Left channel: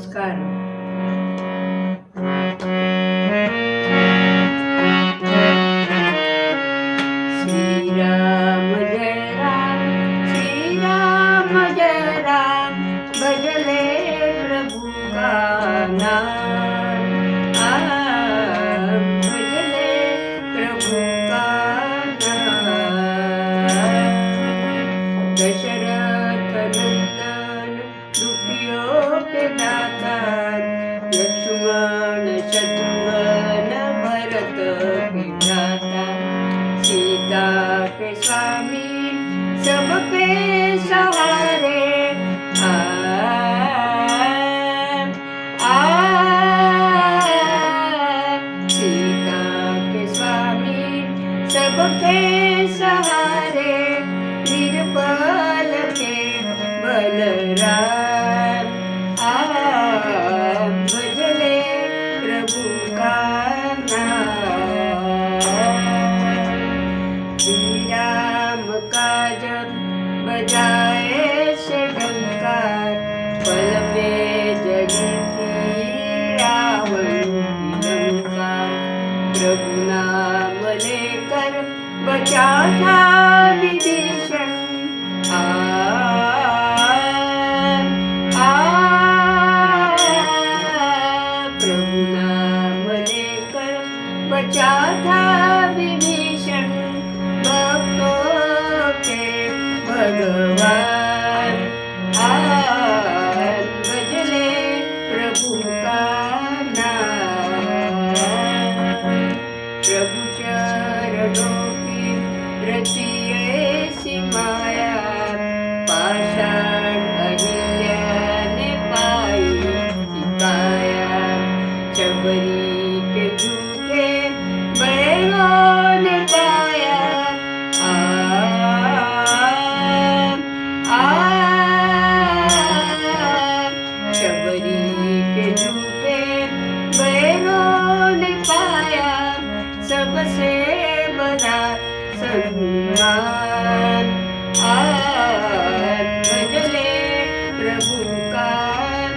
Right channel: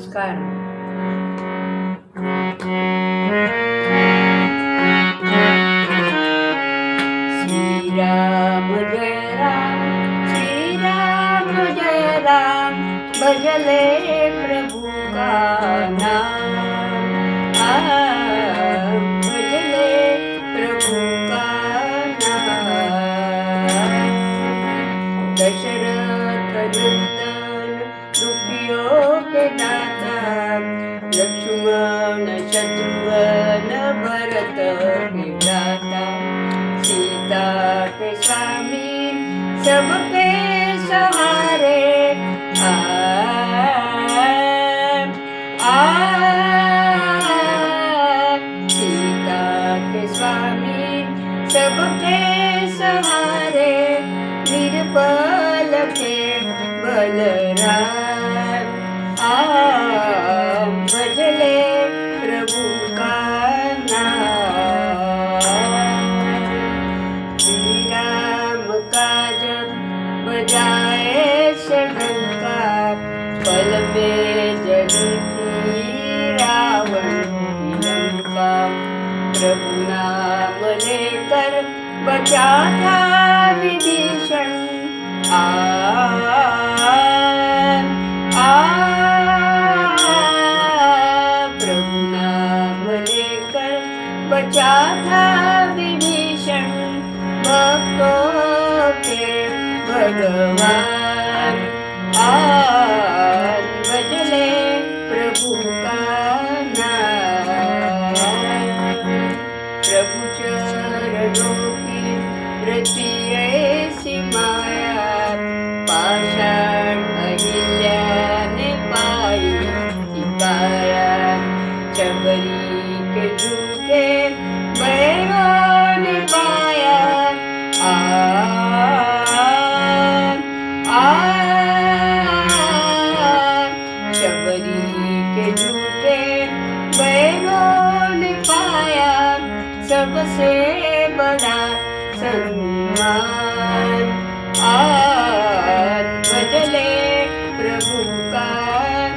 नमस्कार. श्रीराम जय राम, श्रीराम जय राम, भजले प्रभु का नाम. भजले प्रभु का नाम. दशरथ नंदन दुखियों के दाता, लक्ष्मण शत्रुघ्न भरत के भ्राता, सीता के स्वामी सबके सहारे. आ, आ, सीता के स्वामी सबके सहारे, निर्बल के बलराम. भजले प्रभु का नाम. श्री राम का जब बजाए शंकर, पल में जली थी रावण की लंका. प्रभु नाम लेकर बचा था विभीषण. प्रभु नाम लेकर बचा था विभीषण, भक्तों के भगवान. भजले प्रभु का नाम. प्रभु चरणों की रति ऐसी माया, पाषाण अहिल्या ने पाई काया. शबरी के झूठे बैरों ने पाया. शबरी के झूठे बैरों ने पाया, सबसे बड़ा सम्मान. भजले प्रभु का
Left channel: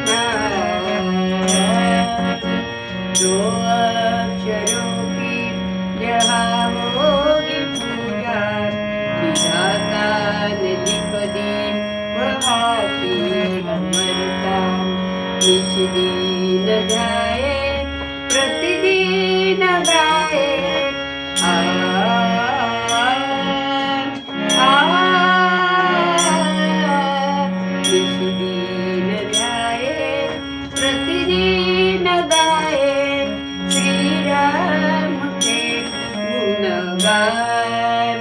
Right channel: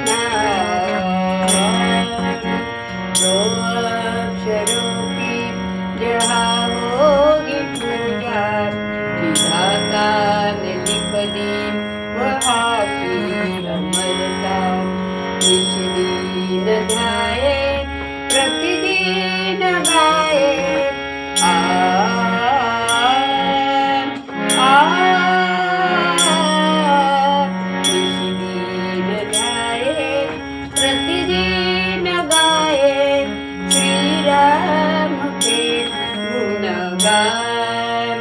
नाम. जो अक्षरों की जहाँ होगी पूजा, विधाता ने लिख दी वहाँ की अमरता. निष्दीन ध्याये प्रतिदिन गाए. प्रतिदिन गाए श्री राम के गुणगान.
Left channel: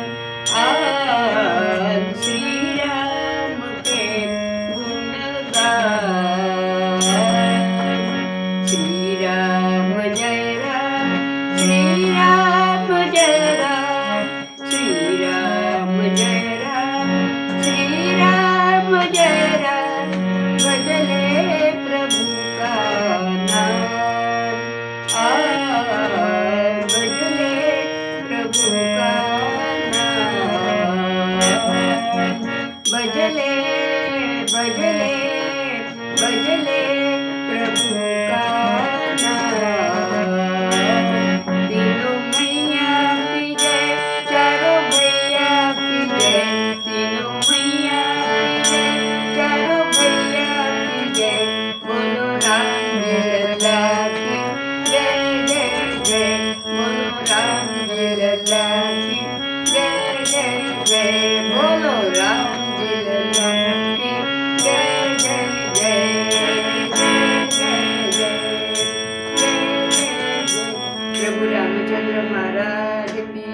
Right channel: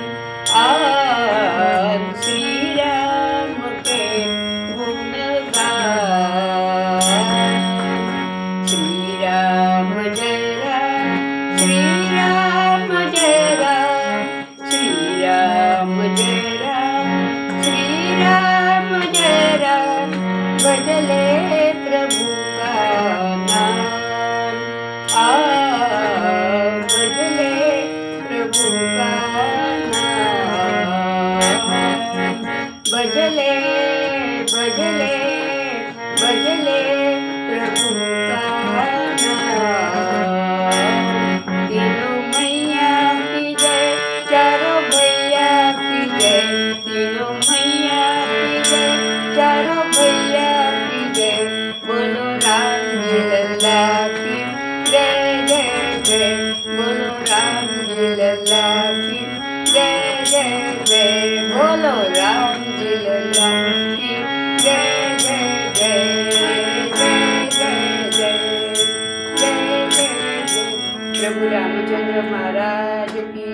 श्री राम के गुणगान. श्री राम जय राम, श्री राम जय राम, श्री राम जय राम, श्री राम जय राम. भजले प्रभु का नाम. भजले प्रभु का नाम. भजले भजले भजले प्रभु का नाम. तीनों मैया की जय, चारों भैया की जय. तीनों मैया की जय, चारों भैया की जय. बोलो राम लल्ला की जय जय जय. बोलो राम लल्ला की जय जय जय. बोलो राम लल्ला की जय जय जय. जय जय जय. जय जय जय. प्रभु रामचंद्र महाराज की